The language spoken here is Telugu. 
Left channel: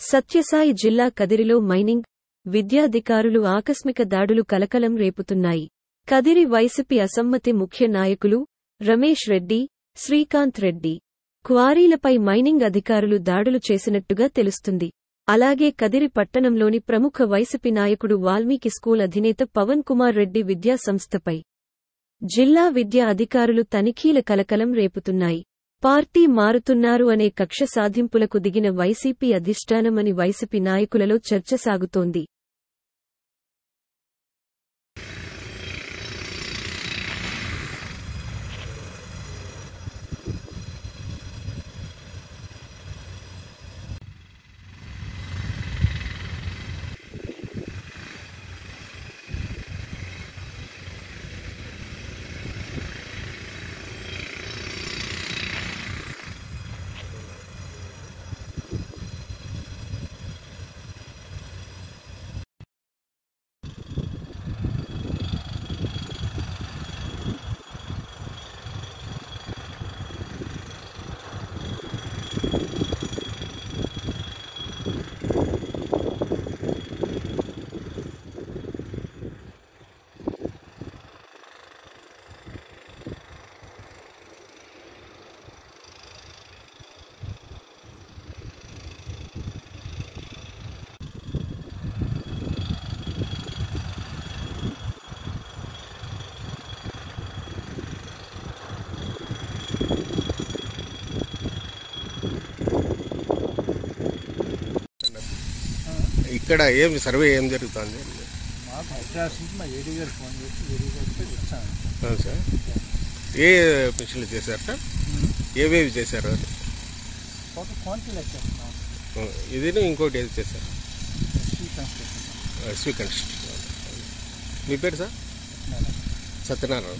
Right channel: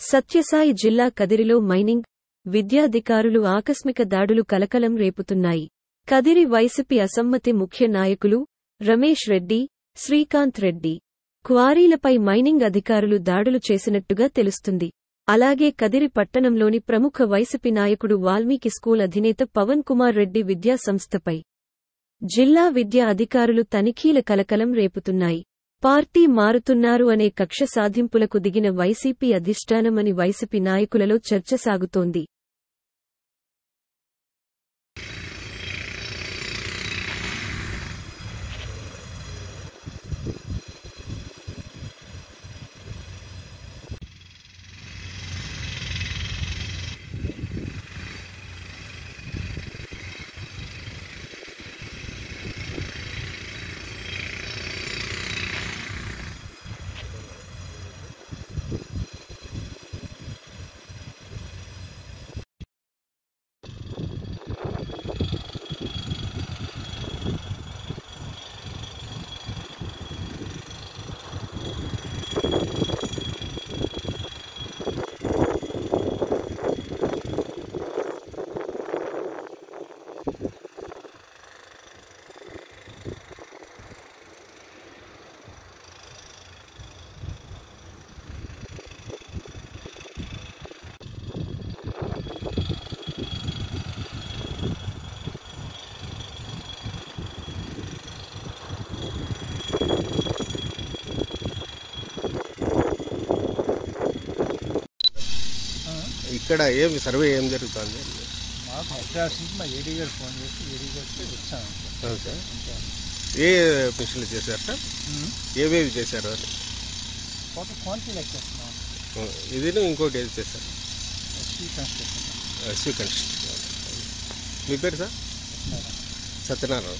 సత్యసాయి జిల్లా కదిరిలో మైనింగ్ విద్యాధికారులు ఆకస్మిక దాడులు కలకలం రేపుతున్నాయి. కదిరి వైసీపీ అసమ్మతి ముఖ్య నాయకులు రమేష్ రెడ్డి, శ్రీకాంత్ రెడ్డి క్వారీలపై మైనింగ్ అధికారులు దాడులు చేసినట్టుగా తెలుస్తుంది. అలాగే కదిరి పట్టణంలోని ప్రముఖ వైసీపీ నాయకుడు వాల్మీకి స్కూల్ అధినేత పవన్ కుమార్ రెడ్డి విద్యా సంస్థపై జిల్లా విద్యా అధికారులు తనిఖీల కలకలం రేపుతున్నాయి. పార్టీ మారుతున్నారు అనే కక్ష సాధింపులకు దిగిన వైసీపీ అధిష్టానమని వైసీపీ నాయకులలో చర్చ సాగుతోంది. ఇక్కడ సర్వే ఏం జరుగుతుంది? మాకు హైదరాబాద్ నుంచి మా ఏడీ గారు ఫోన్ చేసి ఏడీ గారికి వచ్చాను సార్. ఏ మిషన్లు చేశారు సార్? ఏవేవి చేశారు? క్వాంటిటీ లెక్కేస్తున్నాం. ఇది ఇంకోటి ఏది చేశారు? SV construction. SV construction. మీ పేరు సార్? సత్యనారాయణ. సత్యనారాయణ.